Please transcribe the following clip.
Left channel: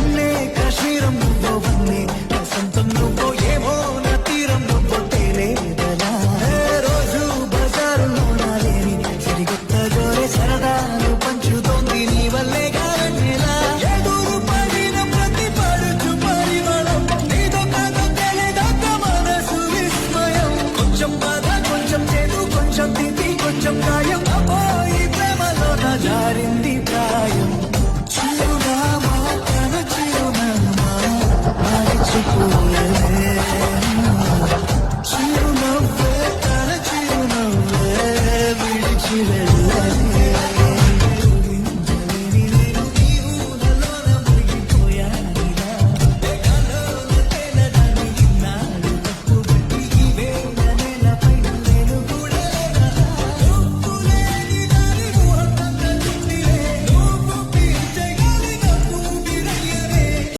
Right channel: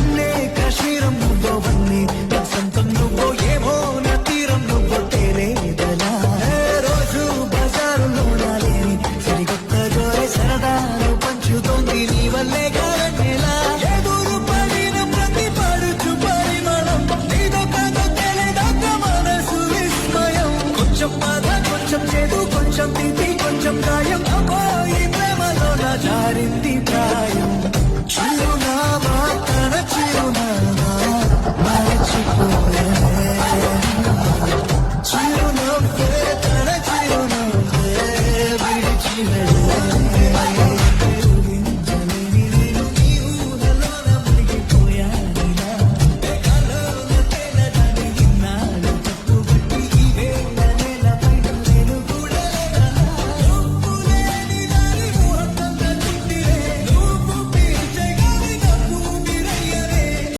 కన్నే కాశ్మీరం నువ్వో వన్నే వసంతం నువ్వో ఏమో నా తీరం నువ్వో తేలేదలా రోజు బజారులో నాలేని సరికొత్త జోరే సరదాలు పంచుతోంది నీ వల్లే గాలన్నెలా ఎదురు పడిన ప్రతి పడుచు పరిమళం నీతో కాదో తెలియదొక్క మనసు విస్మయం కొంచెం బాధ కొంచెం చేదు కొంచెం తీపి కొంచెం గాయం అమ్మో ఈ ప్రేమలో నా జారింది ప్రాయం